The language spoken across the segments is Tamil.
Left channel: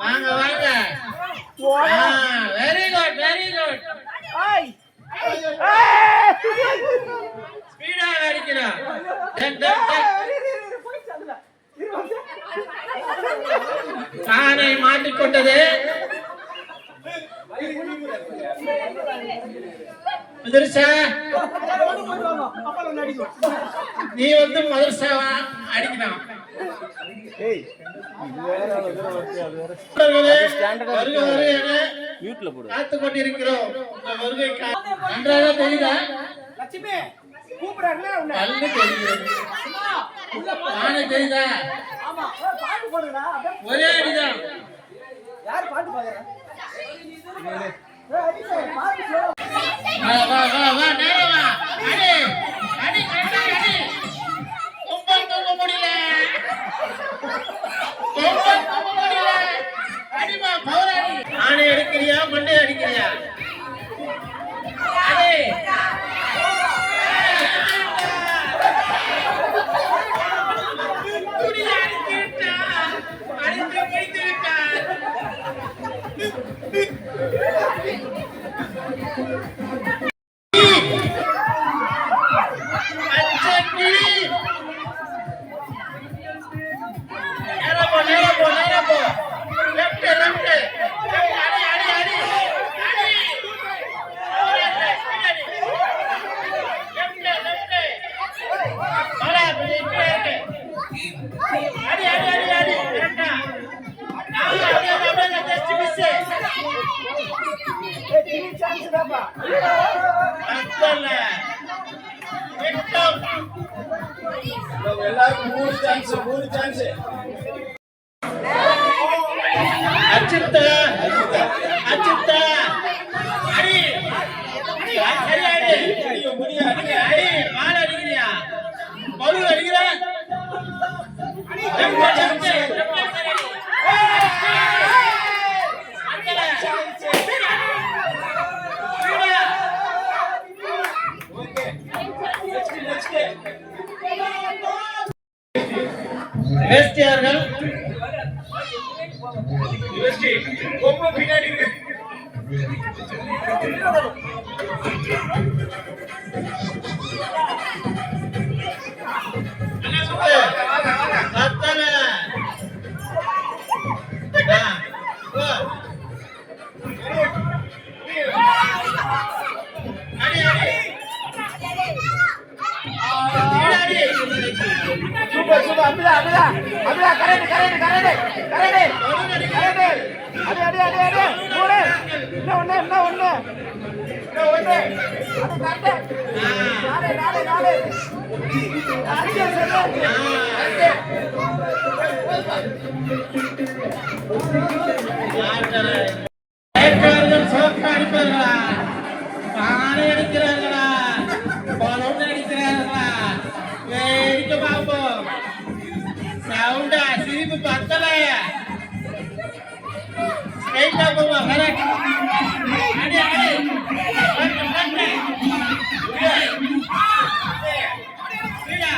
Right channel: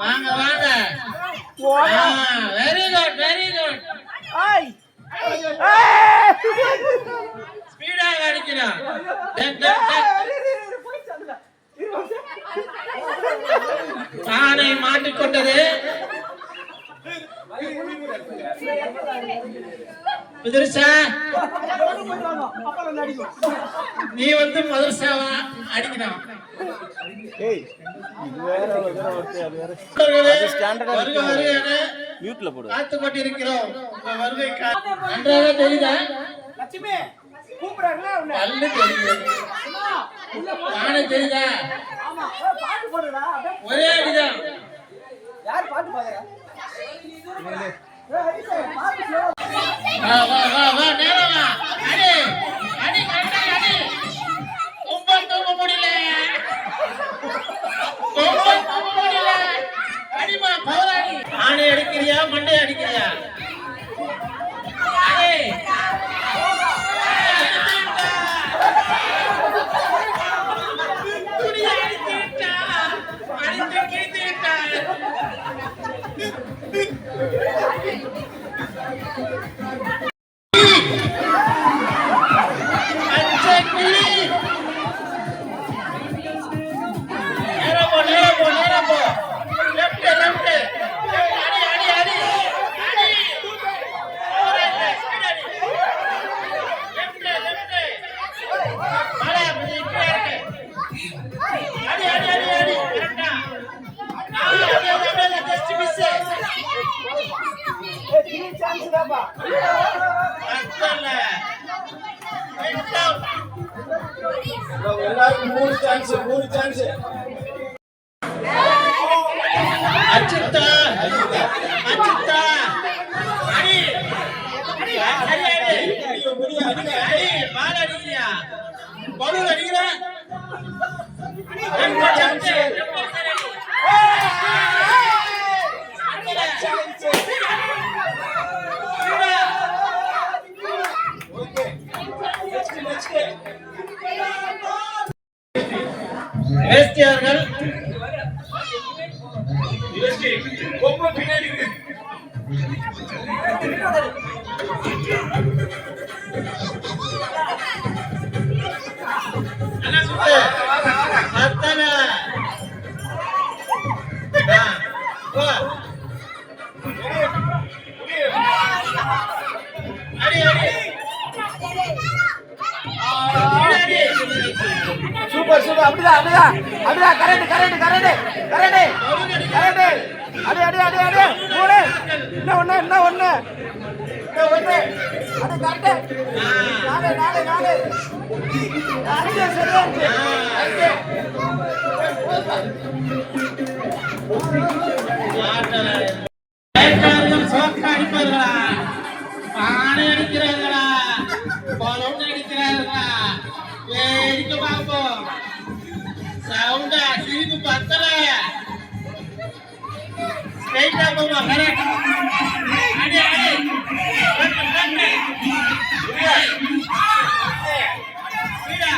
வாங்க வாங்க. Very good very good. Speedo அடிக்கிறான். தானே மாட்டிக்கொண்டது. மதரசா நீ வந்து மதரசாவா அடிக்கணும். காத்து கொண்டிருக்கிறோம். வருகை நன்றாக தெரியுதா? நல்ல தெரியுது. நானே தெரியுதா? ஒரே அடிதான். யார் பாட்டு பாக்குற? ஆணை அடிக்கிறியா மண்டை அடிக்கிறியா? அச்சித்தா அச்சித்தா அடி பால் அடிக்கிறியா? பவுல் அடிக்கிற? வேஸ்டியார்கள் பின்னாடி பானை அடிக்கிறார்களா? பலூன் அடிக்கிறார்களா? வேடிக்கை பார்ப்போம். சவுண்டா சிரிப்பு பத்தல. ஸ்ட்ரைட்டா போவா. கரெக்ட். அடி அடி. ஸ்பீடா.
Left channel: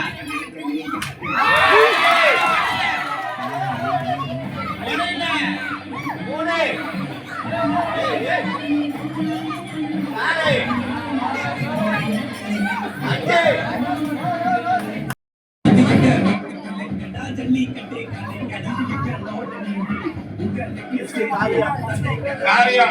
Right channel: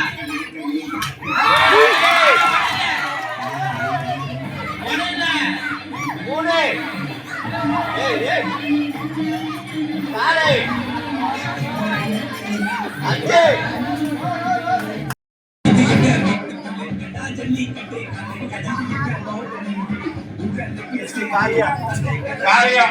மூணு. ஏய் ஏய். நாலு. அஞ்சு. காரியா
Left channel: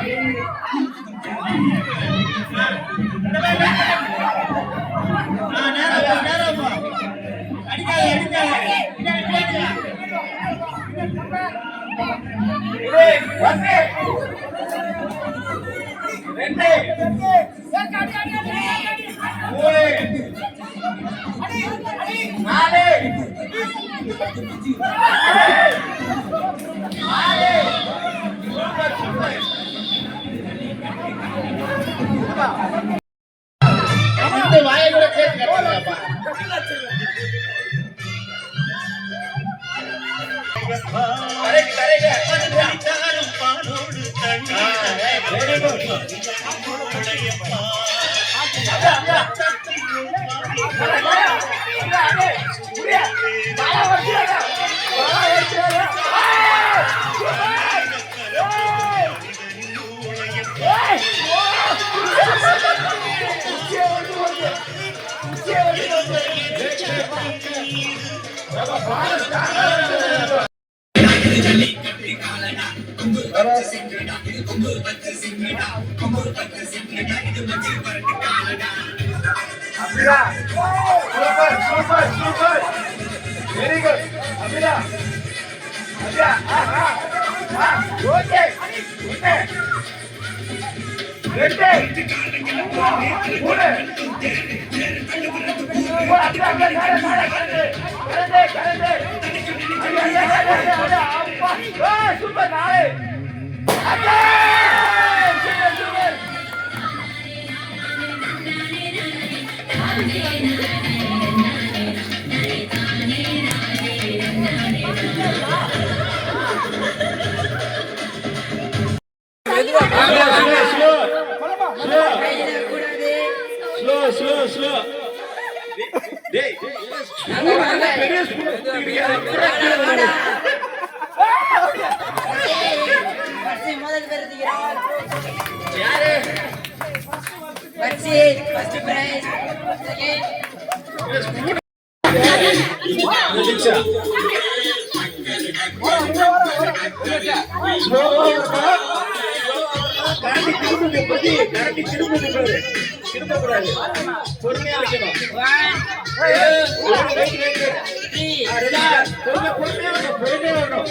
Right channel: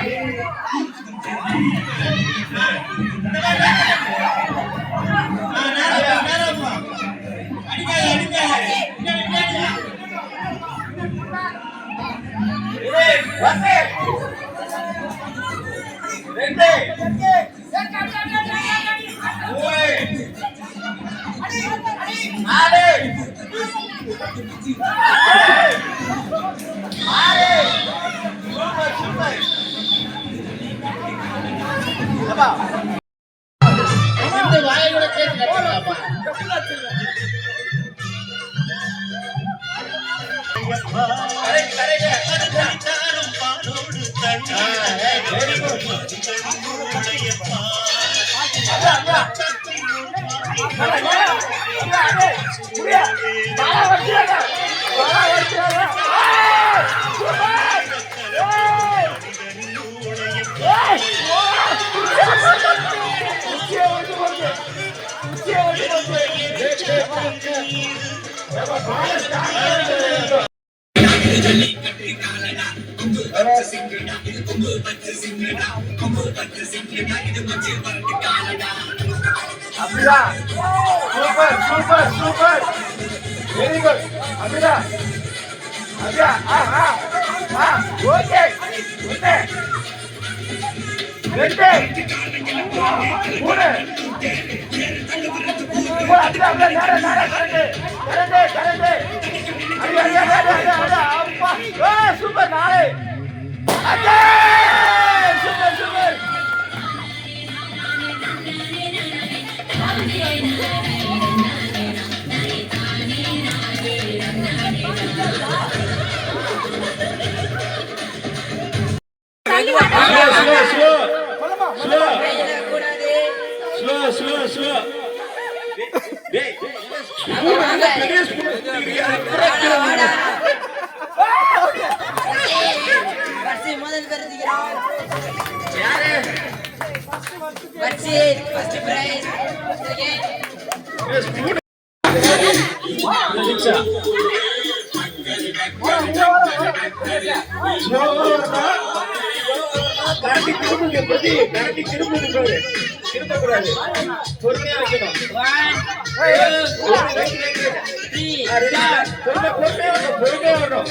வச்சிருக்காப்பா. Correct correct. பாலோடு வெரி குட். அப்படிதான். Super super super. Very good. அப்படிதான். அப்படியா. ஓகே. ரெண்டு. சூப்பர் நாளை. திரும்பக்கூடாது. பொறுமையா வைக்கணும். பொறுமையா வரணும்.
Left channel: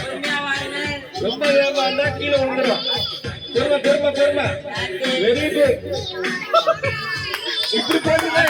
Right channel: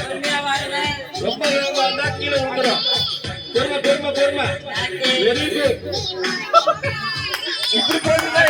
ரொம்ப வேகமா இருந்தா கீழே விழுந்துடும். பொறுமை பொறுமை பொறுமை. Very good. இப்படி போட்டுதான்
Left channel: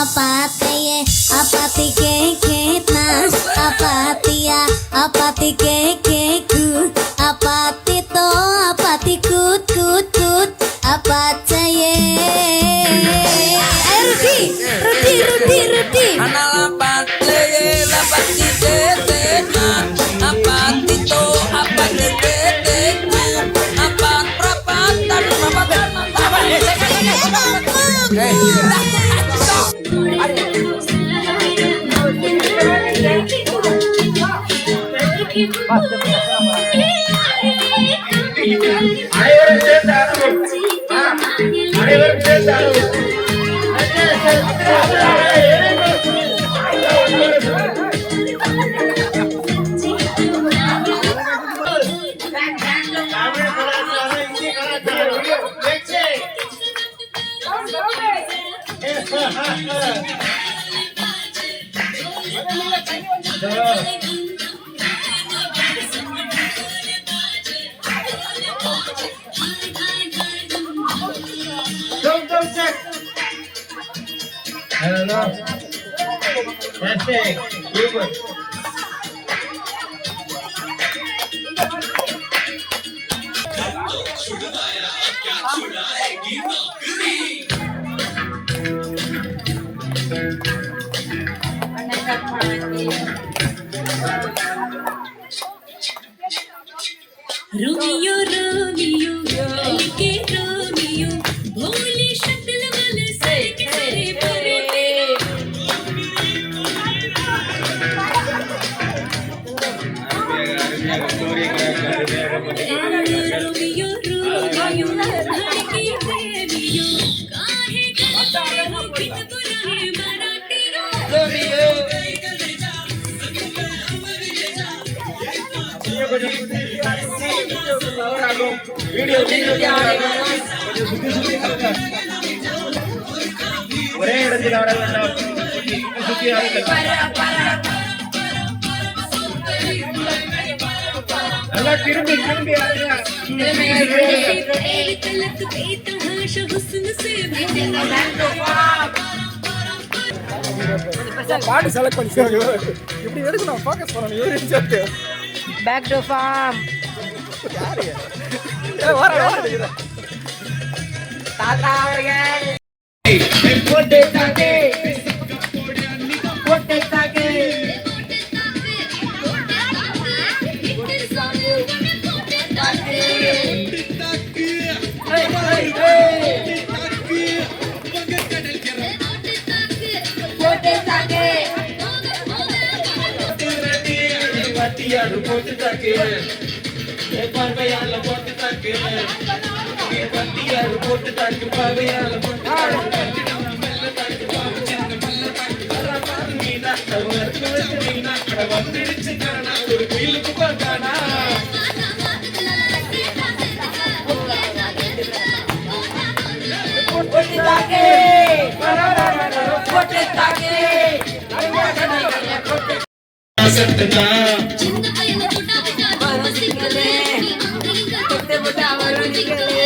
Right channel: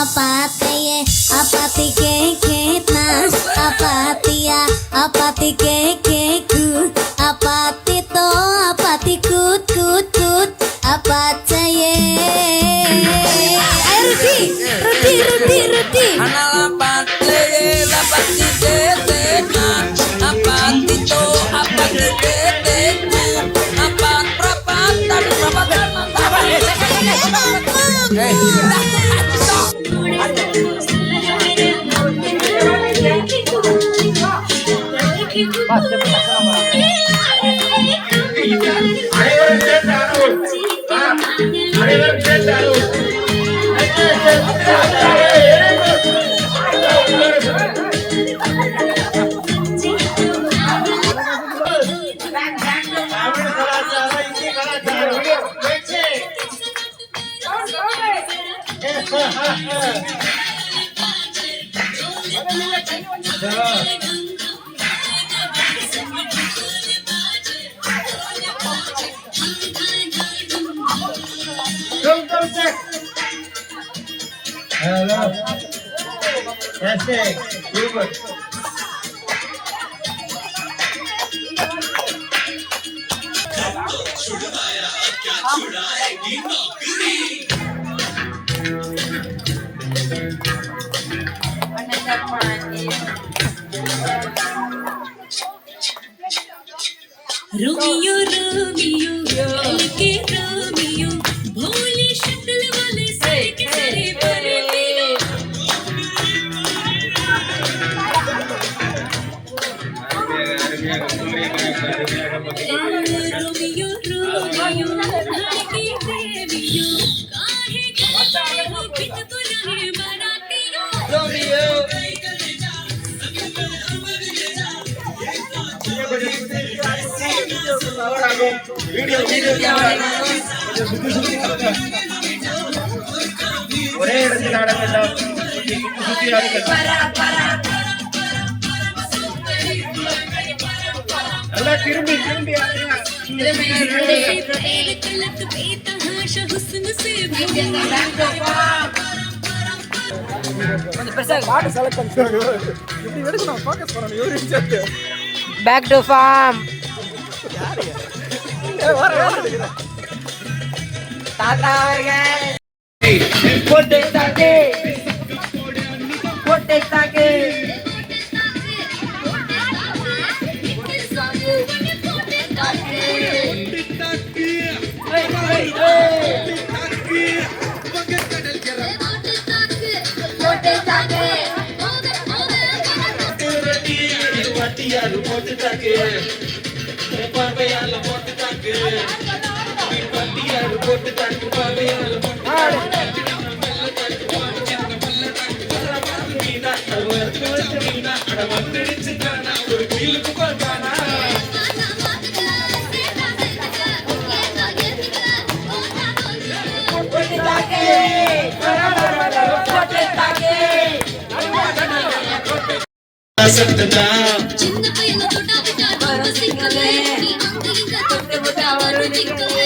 Apatye, apatike ketna, apatia, apatike keku, apatito, apatikut kut kut, apatye. Ayo Rudy. Anak apatye, apatike ketna, apatito, apatike keku, apat prapatan, Hello. Fantastic. Super. Romeo Romeo के रोमियो भोली शक्ल वाले सारे के सारे भरे रोमियो रोमियो धड़के प्रेमियो काहे गलते हो बिन बुलाए मराठियों ஒரே இடத்தில் ஆட வேண்டாம். சுத்தி ஆடுங்கள். நல்லா திரும்பி திரும்பி ஆடுங்க. तलक बेतहाशा हुस्न से பாட்டு செலக்ட் பண்ணிட்டாங்க. இப்படி எடுக்கணும், ஃபோக்கஸ் பண்ணணும். யோசிச்சு பேக் டு ஃபார்ம் யாரு வர எடுக்கிறேன். தாத்தா அவர்கள் போட்டு தாக்கே. போட்டு தாக்கு வாத்தியாரு போட்டு தாக்கே. பார்வையால போட்டு தாக்கு. வாத்தியாரு போட்டு தாக்கு. பார்வையால போட்டு தாக்கு. மெல்ல தாக்கு. பாரு சின்ன மெல்ல தாக்கு. பாரு மீனா. அவன் மீனா. அட வந்துடுச்சு காணா. ஒரு குயிலுக்கு பார்த்தானா. சத்ததா சின்ன பையன தொட்டா விட்டா வசிக்கலே தொட்டு விட்டா வருதிக்கலே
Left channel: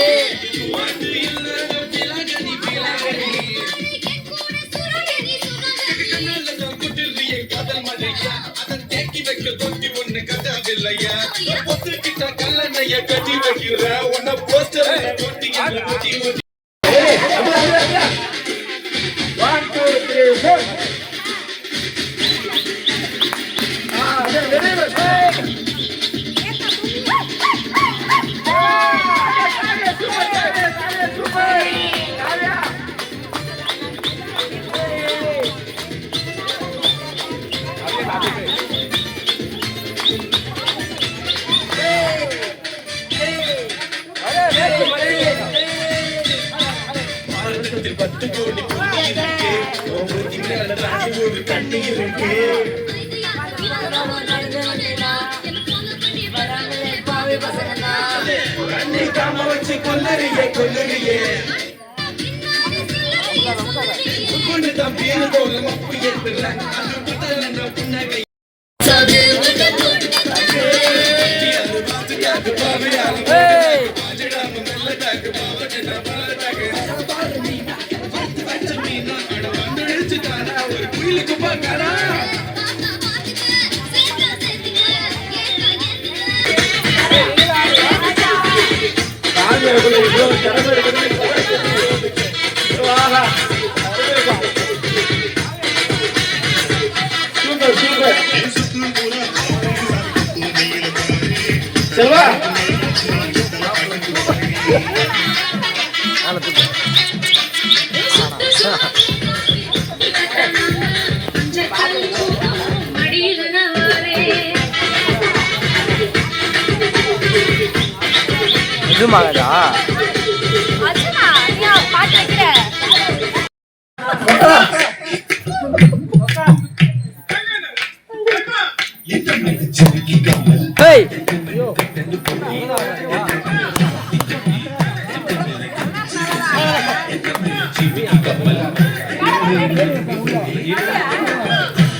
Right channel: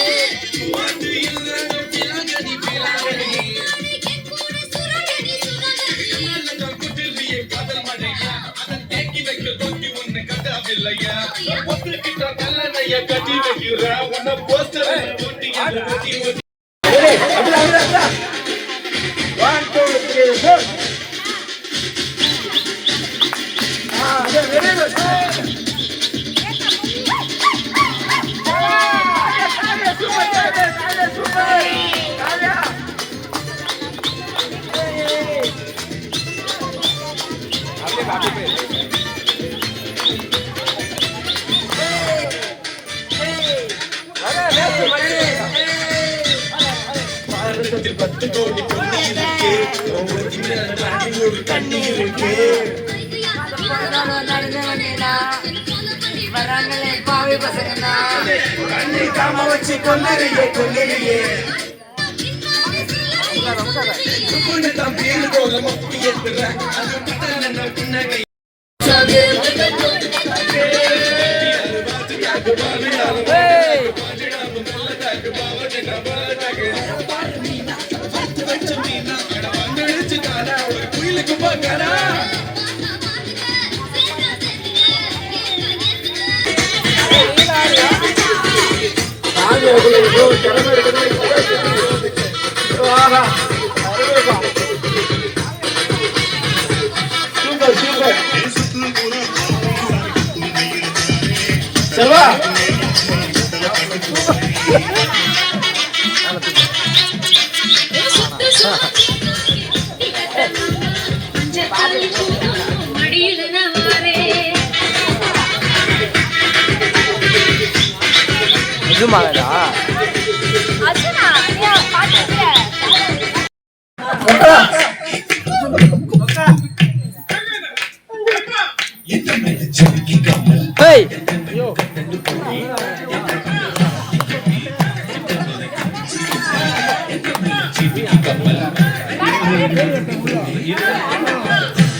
கட்டி வைக்கிற உன்ன போஸ்டர் ஒட்டி ஒட்டி One, two, three, four. Very good. பத்து கோடி கண்ணீருக்கு ஒரு கண்ணீருக்கு கண்ணை வச்சு கம்மறியே கொள்ளையே தம்பீர் போல மொப்பி ஏற்றுறேன் புன்னகை குயிலுக்கு போக்கடா சூப்பர் சூப்பர் செல்வா நிஜமாகதா ஹேய்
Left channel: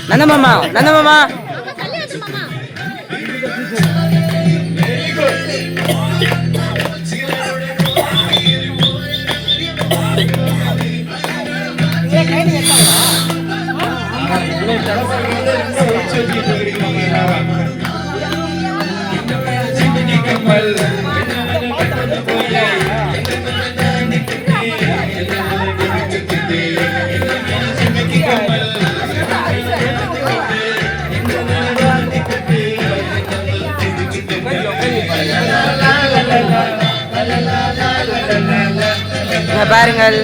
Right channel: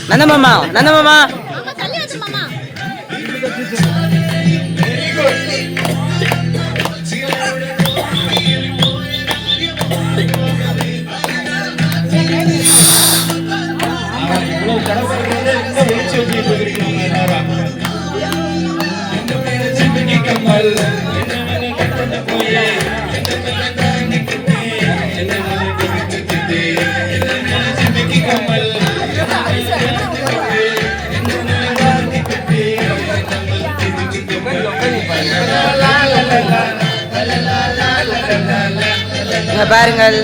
நந்தமாமா கம்மல் இங்க பாருங்கள்.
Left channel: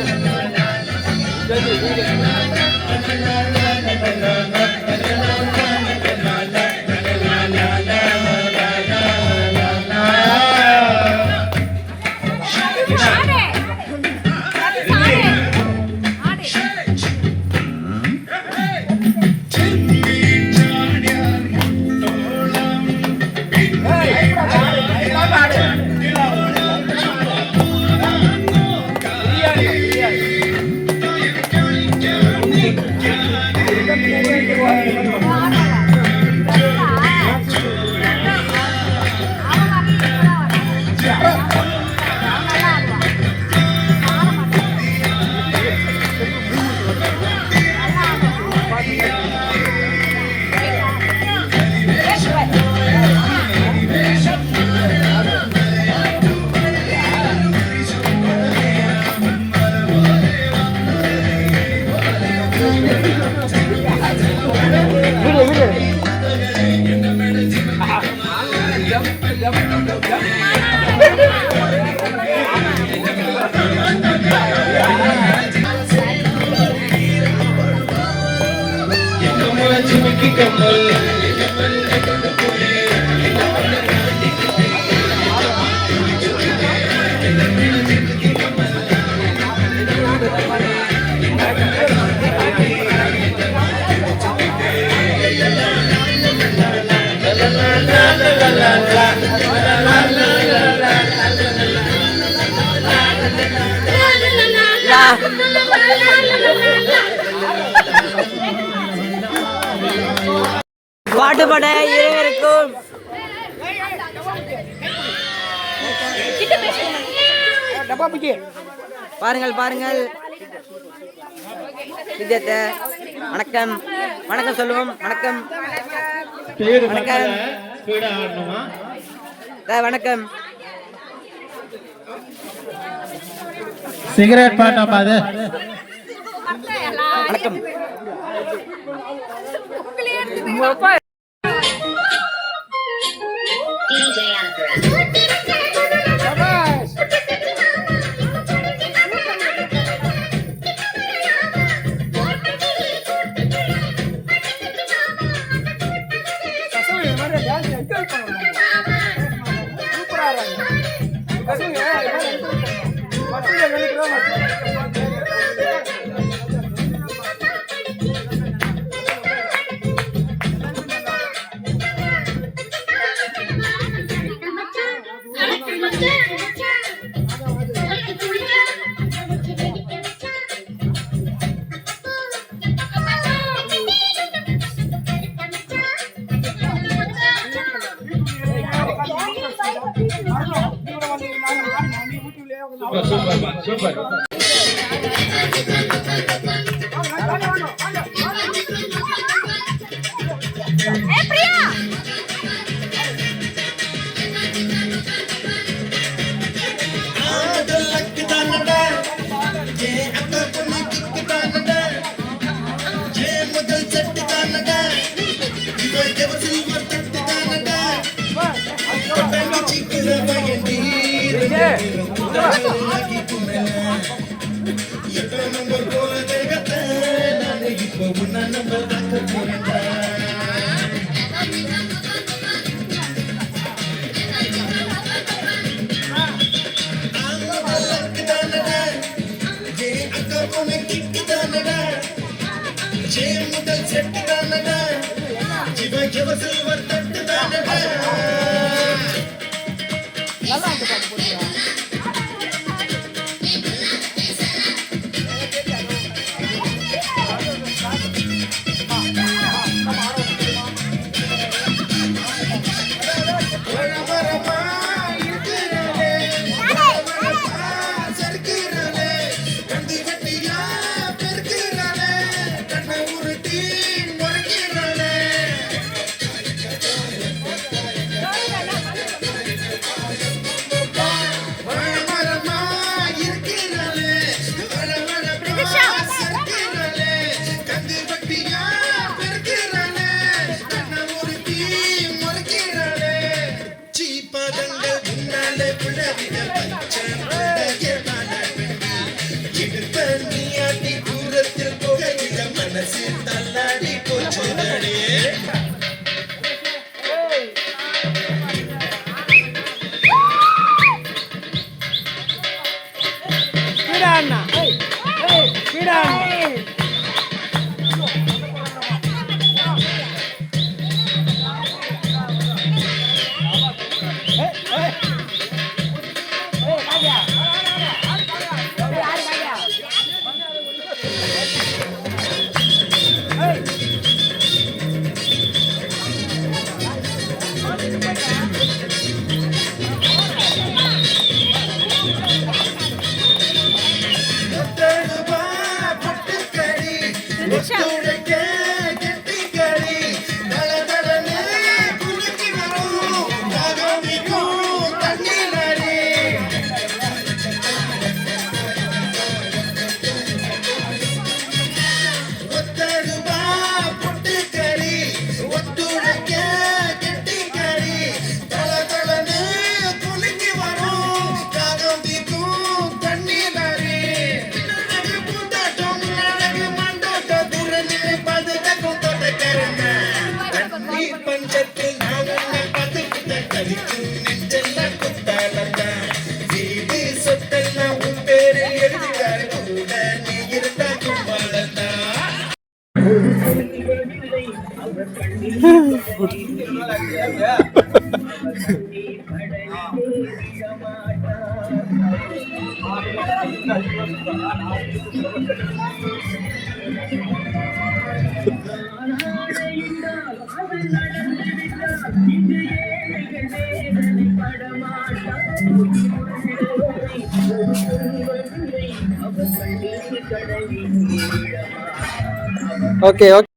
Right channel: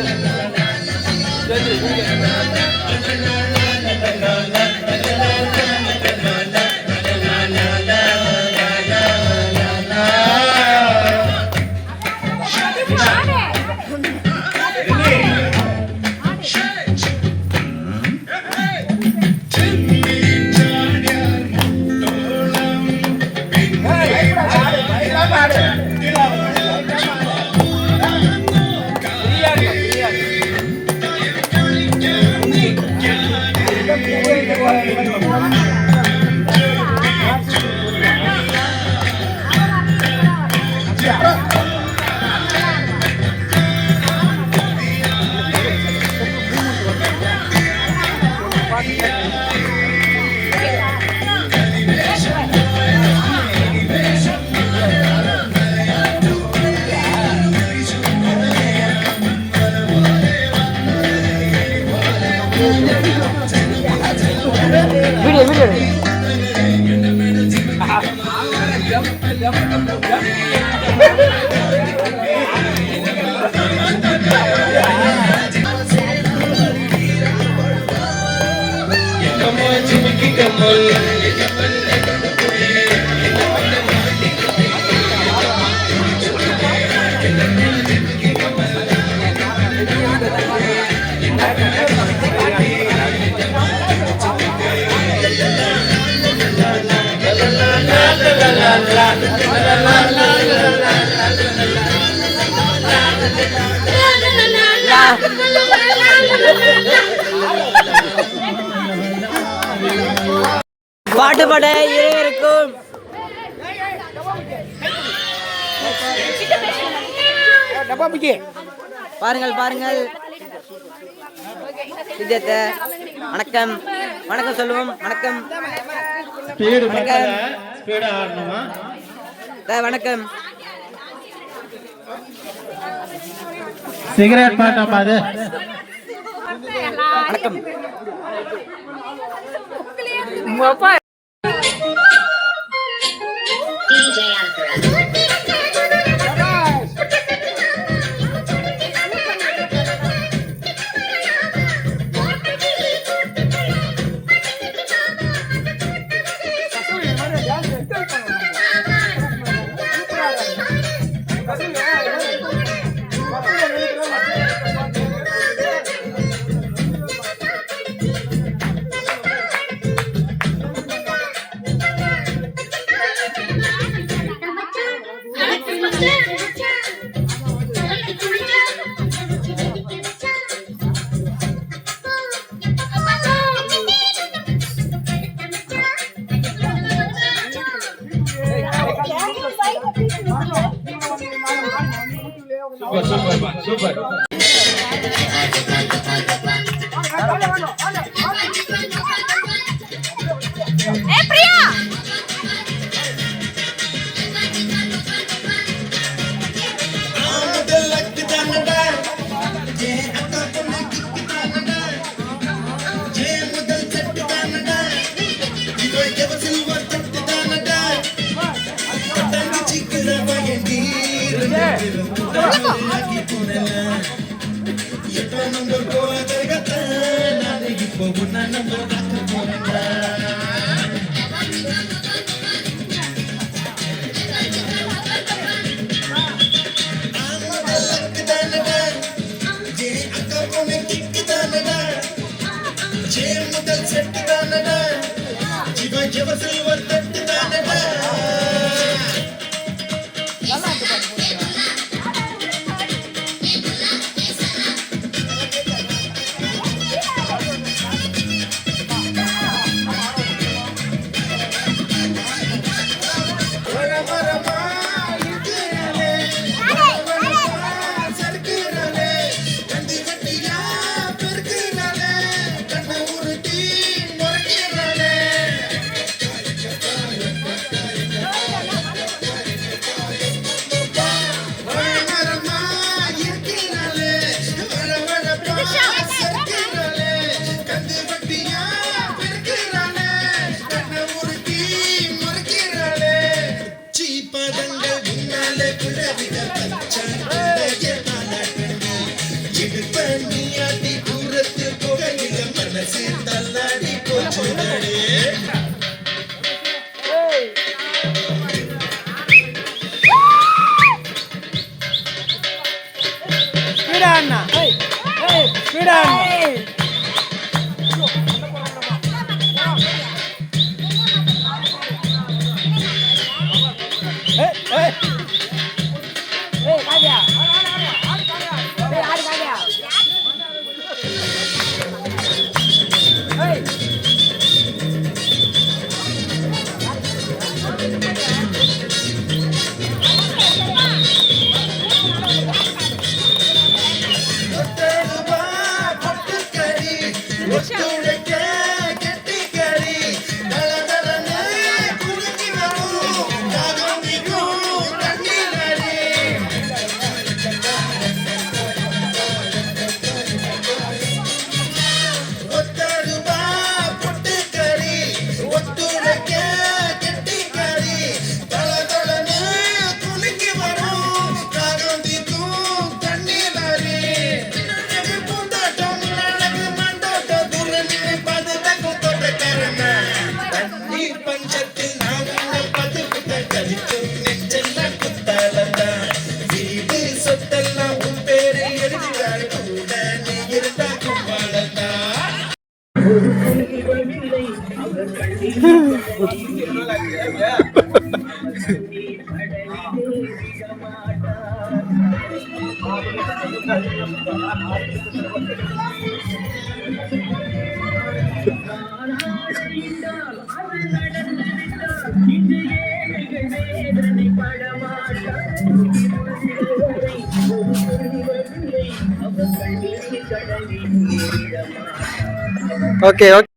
பாட்டு பாட இருவருக்கும் பாருங்கள் பாருங்கள். விஜயத்தை வணக்கம் வணக்கம் சொல்லுவோம். வணக்கம் வணக்கம் வணக்கம். சிகரெட் பாட்டா பாது. வணக்கம். சூப்பர். பஞ்சத்தில் நாங்கள் பதுக்குத கழிக்கும் நெஞ்செல்லாம் குத்தாலந்தான் வீடு சொத்தெல்லாம் உன் பேரை எழுதுகிறார் கூட நீ இருந்தா கும்பாலந்தான். ஓகே ஓகே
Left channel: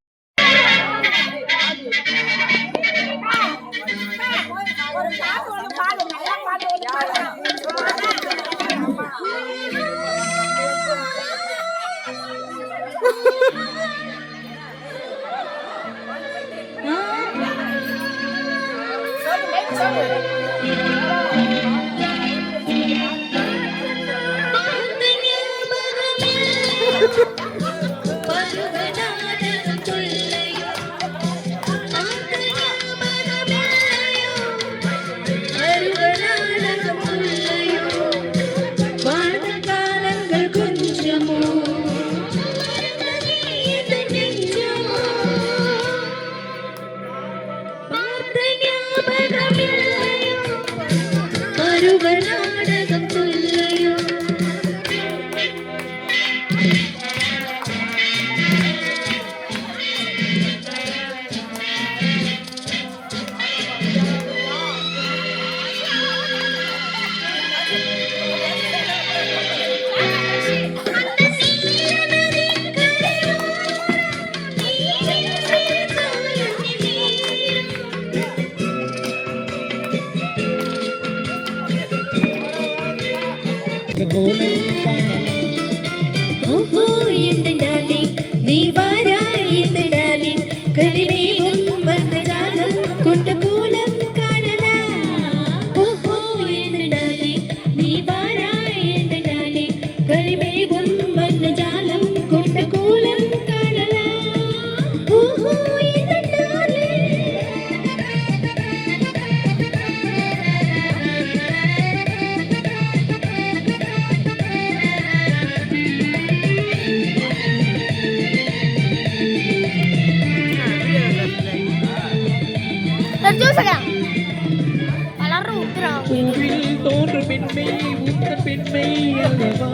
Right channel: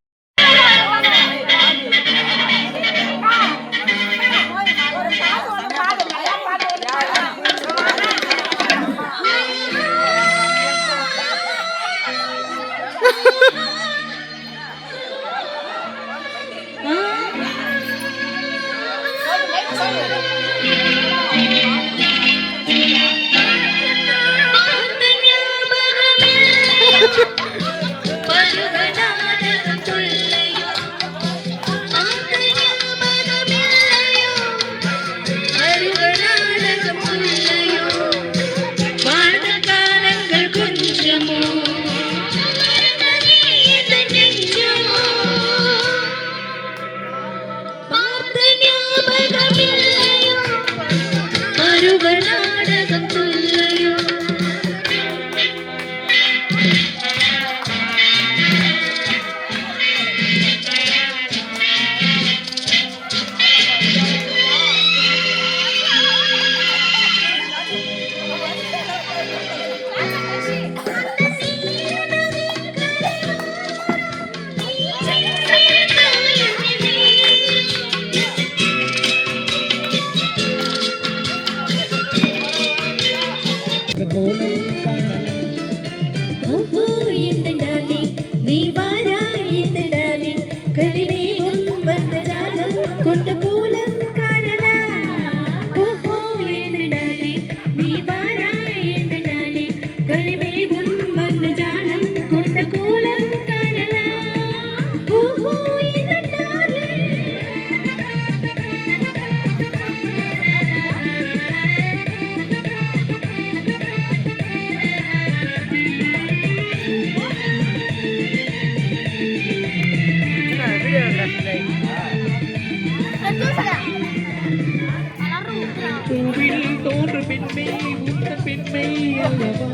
பூவில் தோன்று பெண்மை உத்த பெண்மை அல்லவா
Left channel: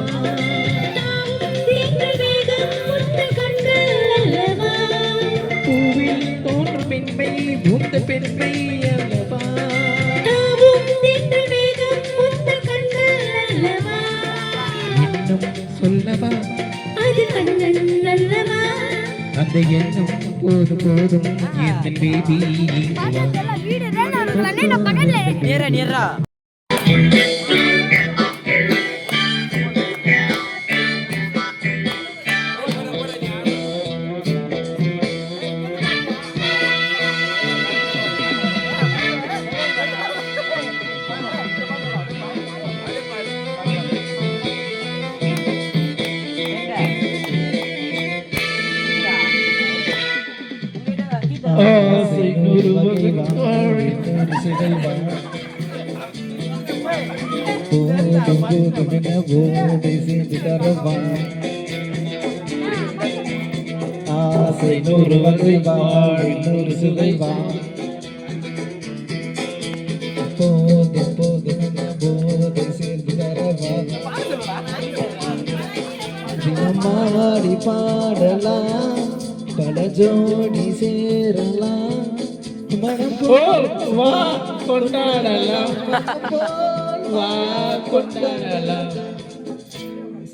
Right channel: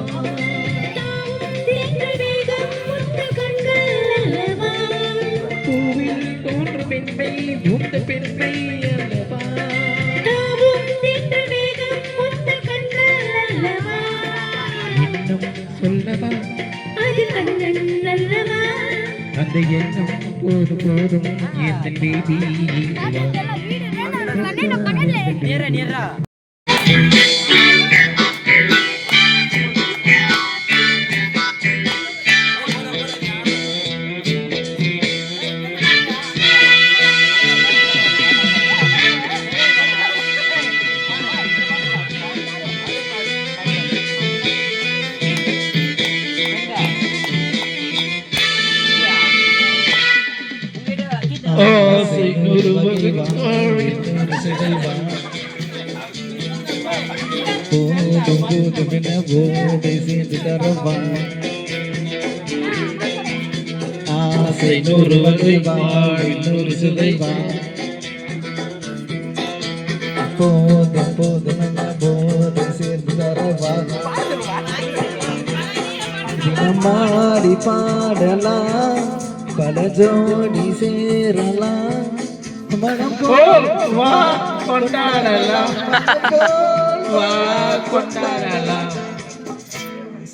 பூவில் தோன்று பெண்மை உத்த பெண்மை அல்லவா இன்னும் சொல்லவா அந்த எண்ணம் போதும் போதும் என் பேபி நேரா நேரா ஆசை நுறுவகை போதும் போதும் என போதை சேர்ந்து தரவா ஆசை 100 வகை வாழ் 100 சுவை வா போதும் போதும் என போதை சேர்ந்து தரவா மாடி பாடலாம் பல ஜோடி சேரலாம் மனம் போல் வா கொண்டாடலாம் வா கொண்டாடலாம்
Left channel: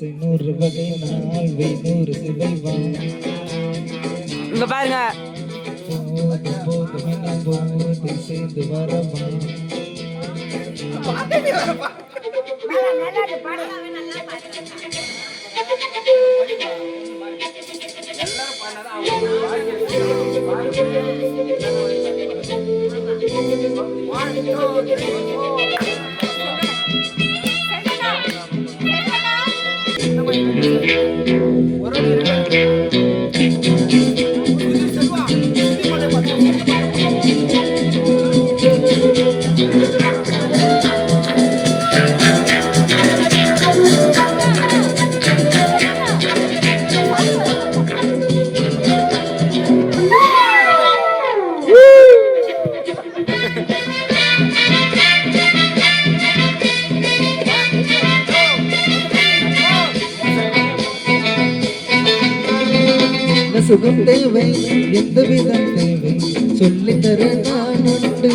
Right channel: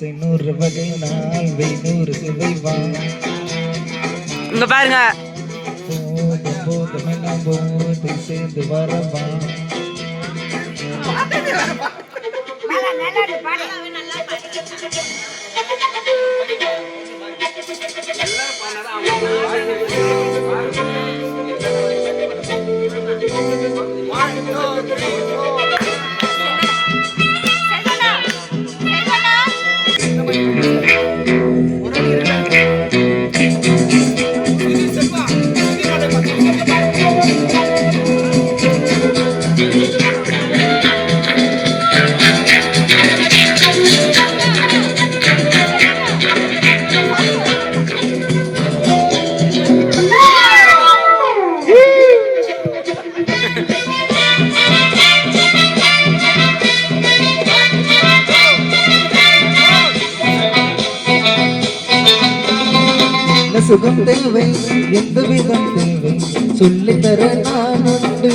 100 வகை நாள் 100 சுவை வா இங்க பாருங்க போதும் போதும் எல்லாம் போதை சேர்ந்து வரவா சுகம் தேவை எந்த விதம் தேவை சொல்லித்தர நான் உண்டு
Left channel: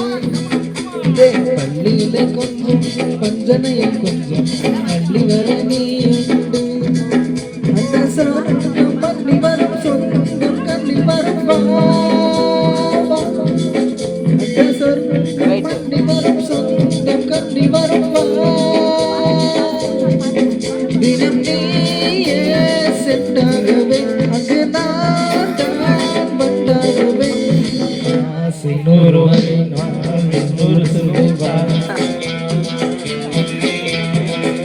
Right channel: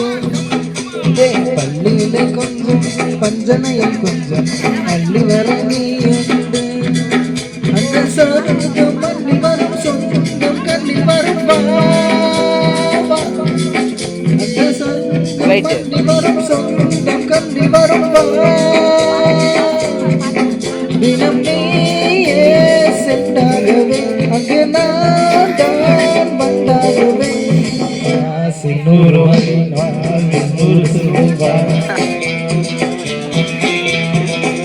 பள்ளியில கொஞ்சம் பஞ்சனையில் கொஞ்சம் அள்ளி வர நீ உண்டு அந்த சொர்க்கம் பள்ளி வரும் சொர்க்கம் கள்ளி வரும் அந்த சொர்க்கம் பள்ளி வரும் சொர்க்கம் கள்ளி வரும் தினம் நீயே செட்டாகவே அங்கு நான் தான் வந்தாகவே ஆசை 100 வகை நாள் 100 சுவை வா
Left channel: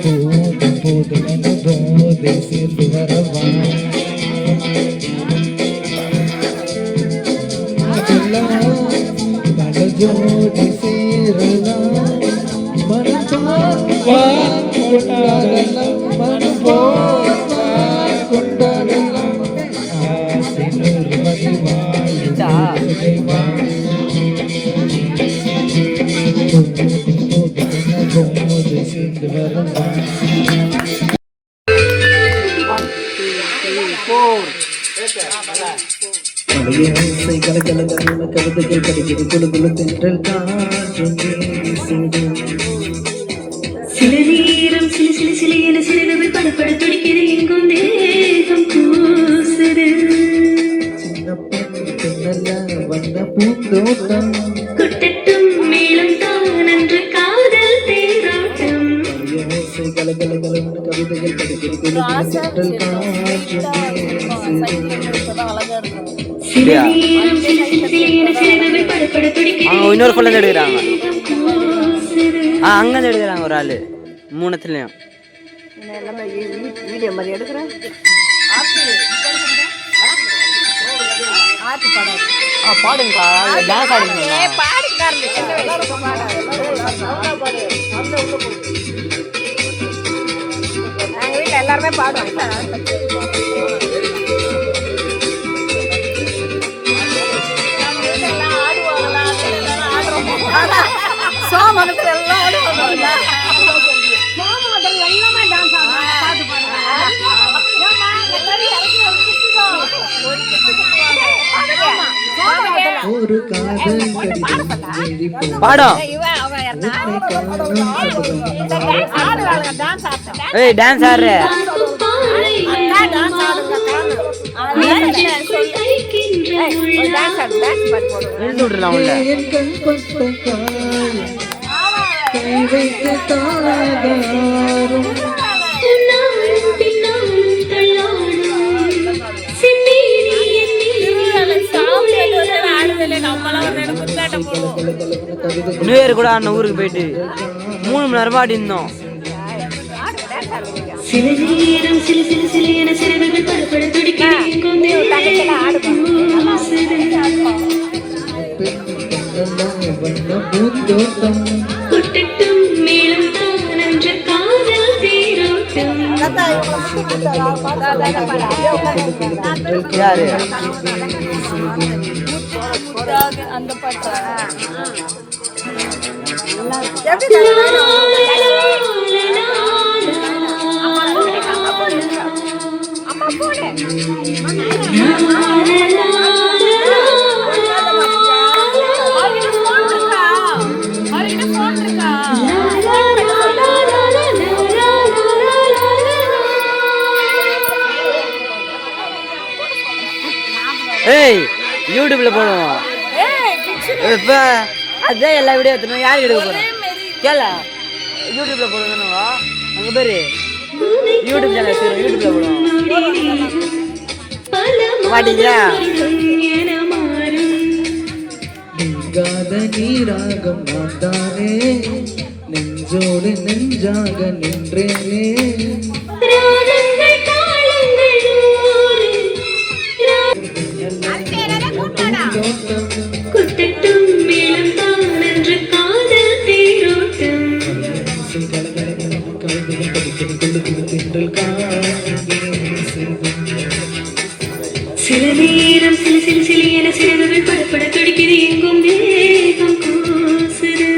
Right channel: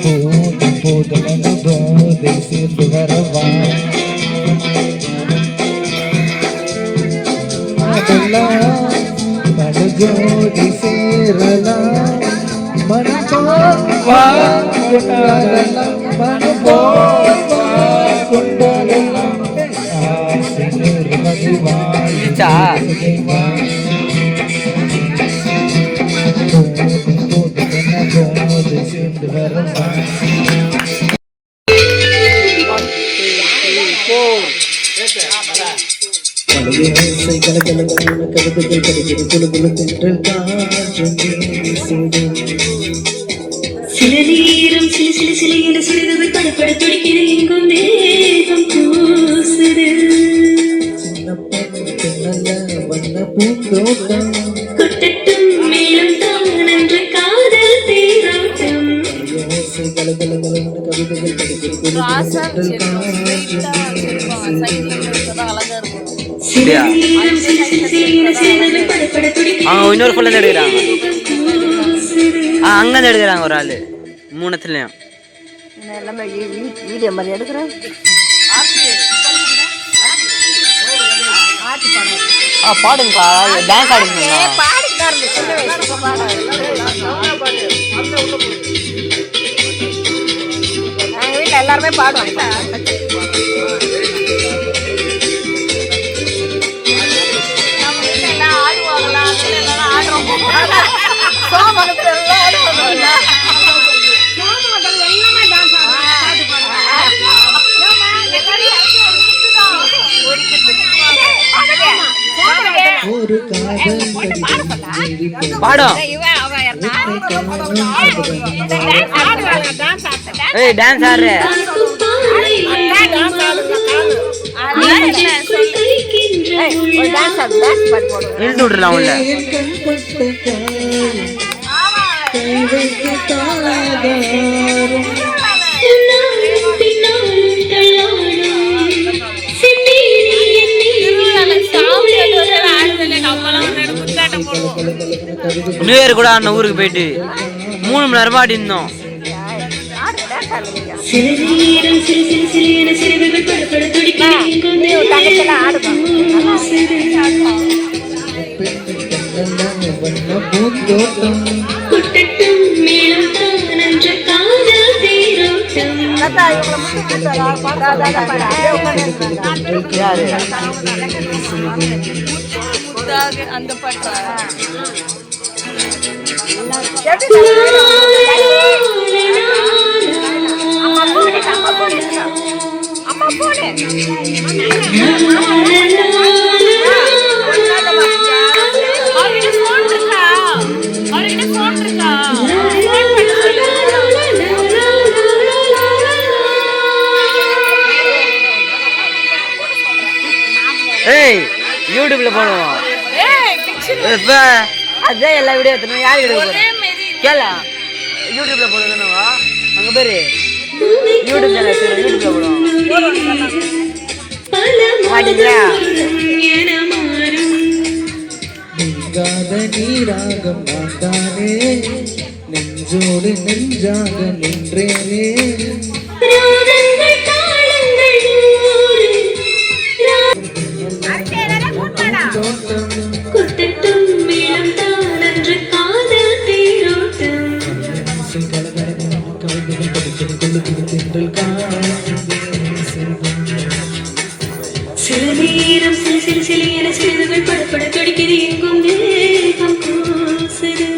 போதும் போதும் என போதை சேர்ந்து வரவா அதெல்லாம் பல ஜோடி சேரலாம் மனம் போல் வா கொண்டாடலாம் மனம் போல் வா கொண்டாடலாம் ஆசை 100 வகை வாழ் 100 சுவை வா போதும் போதும் என போதை சேர்ந்து வரவா ஓசை கலகலகலன்னு கவிதைகள் படிக்கிறது குலுகுலு தென்றல் காற்றும் வீசுது சில நேரம் சிலு சிலு சிலு என சிறிது படப்பட துடிக்கிறது எங்கும் தேகம் கூசுது சின்ன பெண்ணல்ல வண்ண பூந்தோட்டம் கொட்டட்டும் மேலும் தான் என்று காதல் தேராட்டம் ஓசை கலகலகலன்னு கவிதைகள் படிக்கிறது குலுகுலு தென்றல் காற்றும் வீசுது சில நேரம் சிலு சிலு சிலு என சிறிது படப்பட துடிக்கிறது அவங்க இன்னொரு ஃபுல்லா எடுக்கிறாங்க அங்க எடுக்கிறாங்க ஒரு ஆளு மூணுத்துலயும் பாடுங்கக்கா டான்ஸ் ஆடுங்க எல்லாருமே பாடுவாங்க சோமனத்துல எல்லாம் ஆடுவாங்க ஒரு காதல் பாடம் ஏய் டான்ஸ் ஆடுற இழுத்து விட்டுலாம் உள்ள நியூ இயர் கூட அண்ணன் ஊருக்கு போயிட்டு 3 மணி நேரமா ஆடி இருந்தோம். மேலும் தான் காதல் தாத்தா இவங்களை முட்டு முட்டாரா பாட்டு பாடுறாங்க அப்படியே உட்காந்து இருக்கிறாங்க யாரு அந்த பாட்டு ஏய் யூடியூப்ல போடுவோம் இப்ப அதான் எல்லா வீடியோ எடுத்துணும் யாரு எடுக்க போறோம் கேளா யூடியூப்ல போடுவா அங்க பேரு யூடியூப் சேனல் சரி யூடியூப்ல போடுவோம் மாட்டீங்களா நீங்காத நீராகம் நான் தானே நெஞ்சோடு நெஞ்சாக நின்றேனே குத்தட்டும் மேலும் தான் நன்று காதல் தேரோட்டம் சில நேரம் சில சில சில என சிறிதுகள் படப்பட துடிக்குது எங்கும் தேகம் கூசுது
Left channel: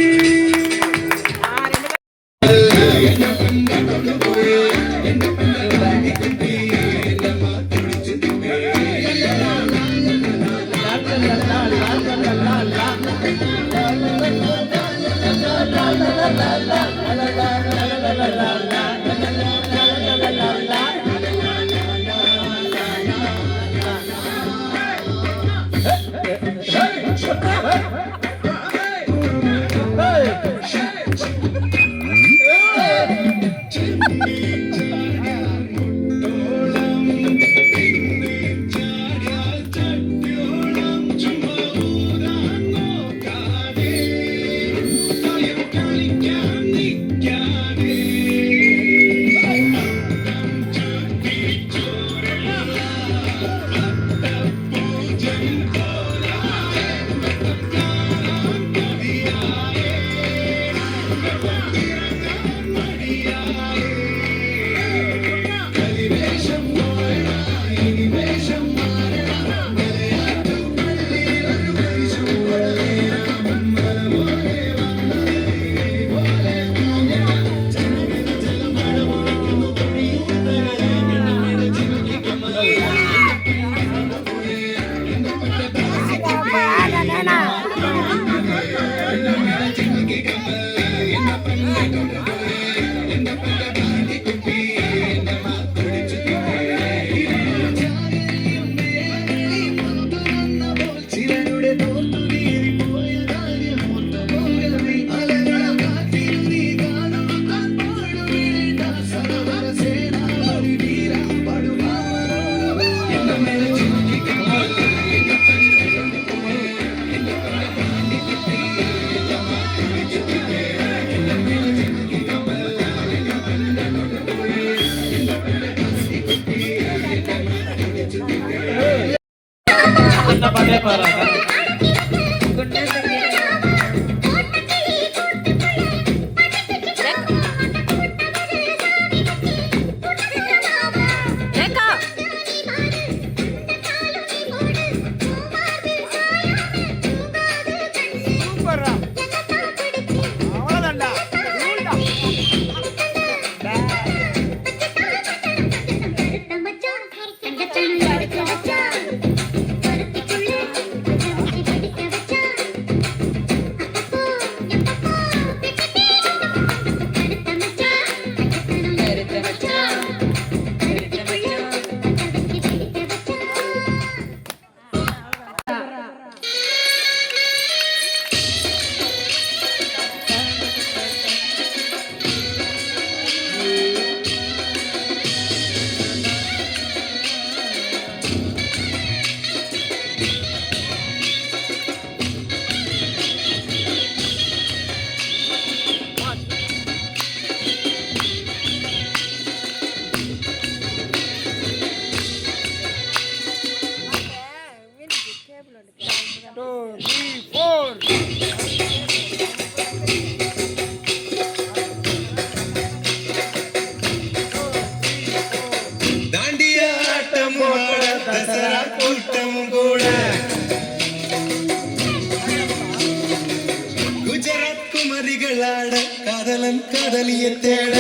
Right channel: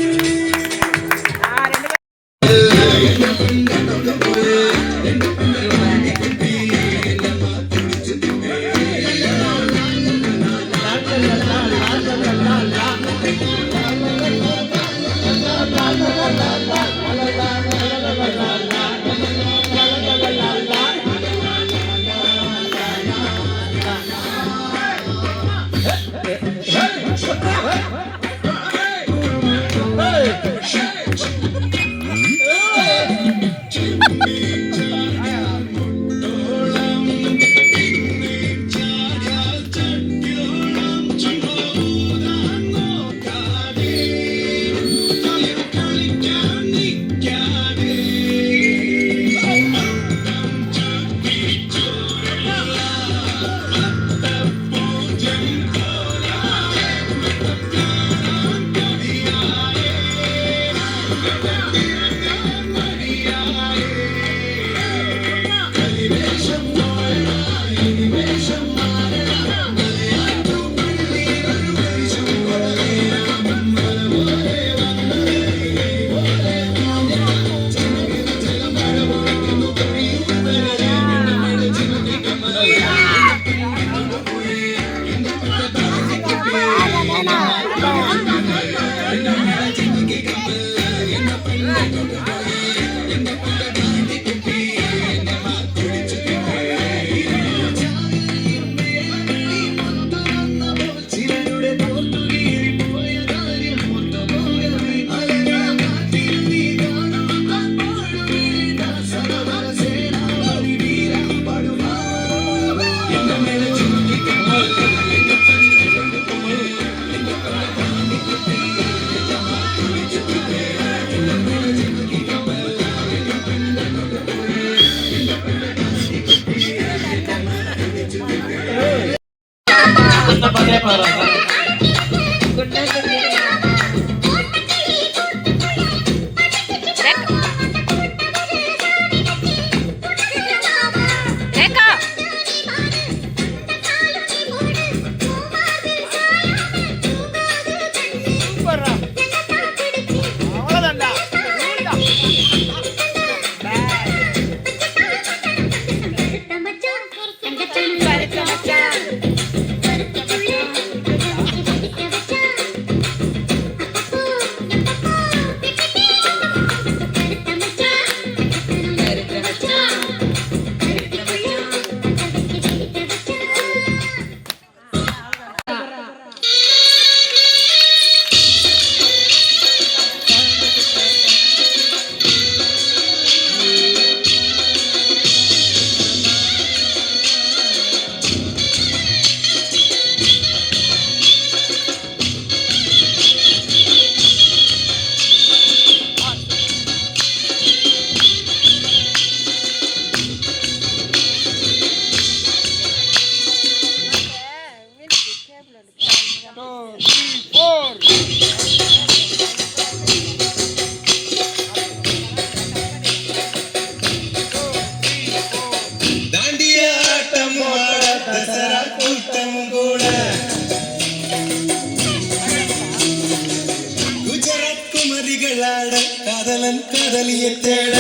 காதலன் காதலியை தேட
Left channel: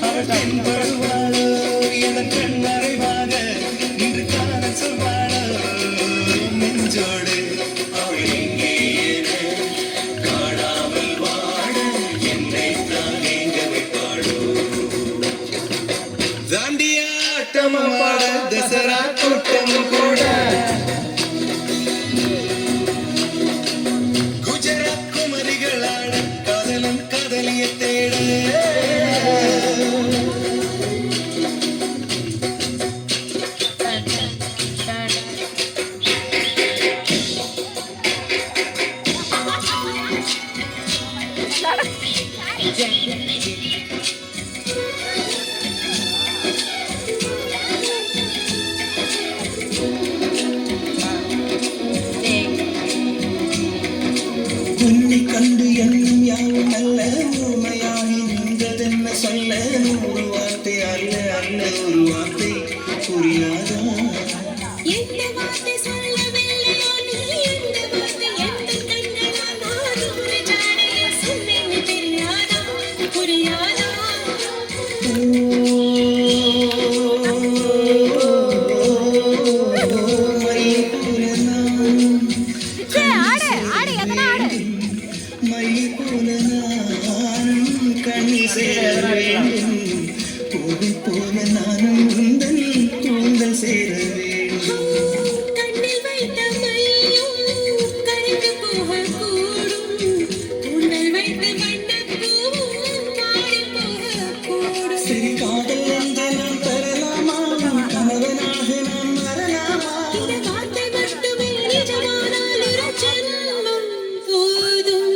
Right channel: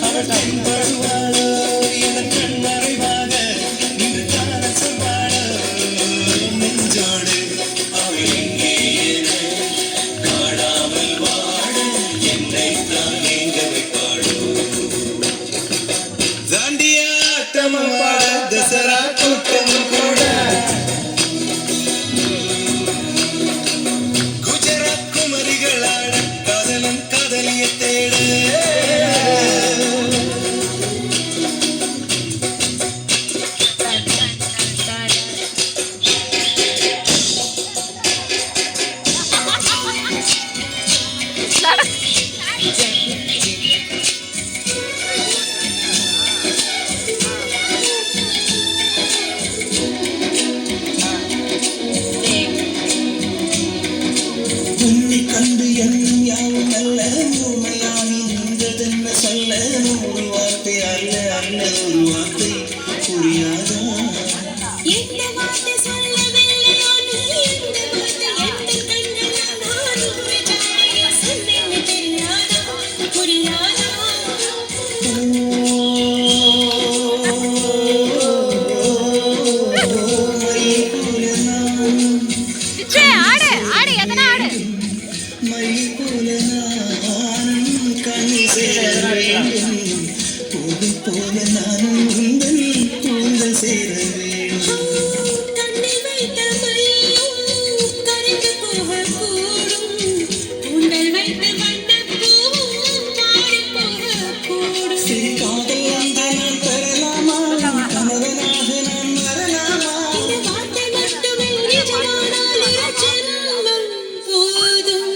அவள் வருவாளோ என கண்ணறைவாக இன்று காண சொன்னாளோ நெஞ்சோடு அவள் எங்கே என காணாமல் வாட என்னை தான் எங்க வைப்பாளோ தாண்டியாட்டமாட தசரா கூட்டம் கூட குஜராத் குமரிகளாட காதலன் காதலியை தேட உன்னை கண்டு எண்ணம் யாவும் அல்ல உண்மையாகி நின்றதென்ன சொல்ல ஒரு வார்த்தை அல்ல அல்ல ஒரு வார்த்தை புரியாதா எந்த வார்த்தை சொல்லவில்லையோ நீ எந்த வார்த்தை எந்த கண்கள் சொன்னேன்னு தெரியாதா புரியாதா கண்ணி சேர வேண்டும் போது போல நானும் உந்தன் கூந்தல் சேர வேண்டும் கண்ணில் வைத்த மையும் கரைந்து போகக்கூடும் உங்கள் வைத்த வண்ணப்பூவும் மாறி போகக்கூடும் சரி காதல் அந்த நான் பெறலாமா கணவனாக நான் வரலாமா இந்த வார்த்தை மட்டுமே நிஜமானால் ஒரு ஜென்மம் போதும்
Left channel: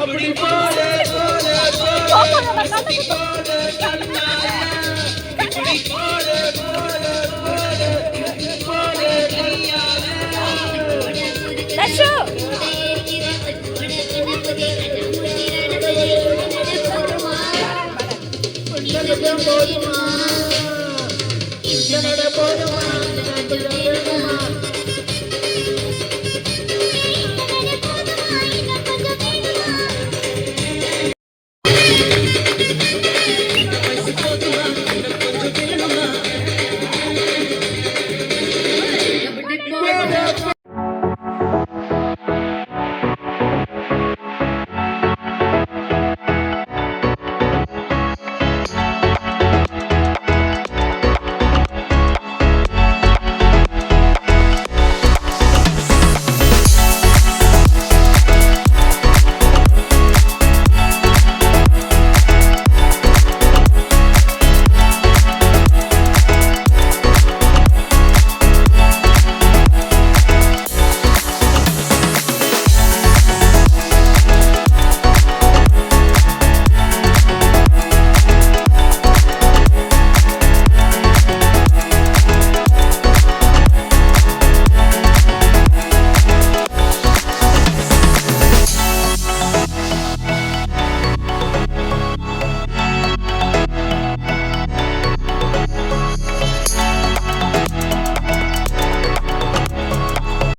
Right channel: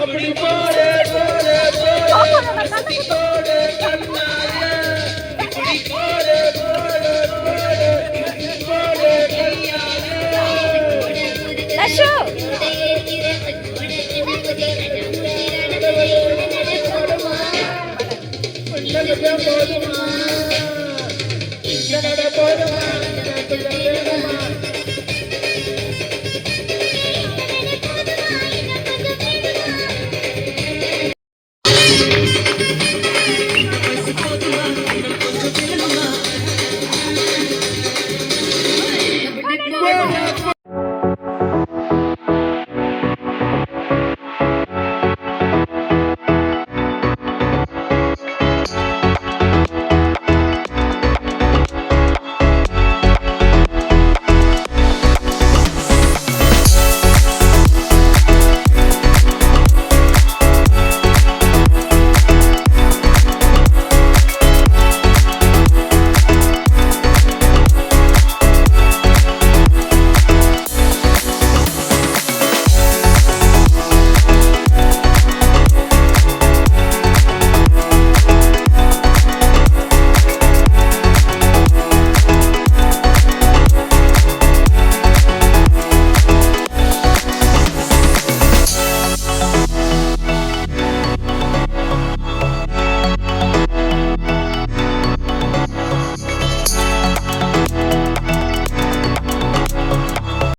அப்படி போடு போடு கோபப்படாத, கண்ணை குத்து. இப்படி போடு போடு லட்சு போடு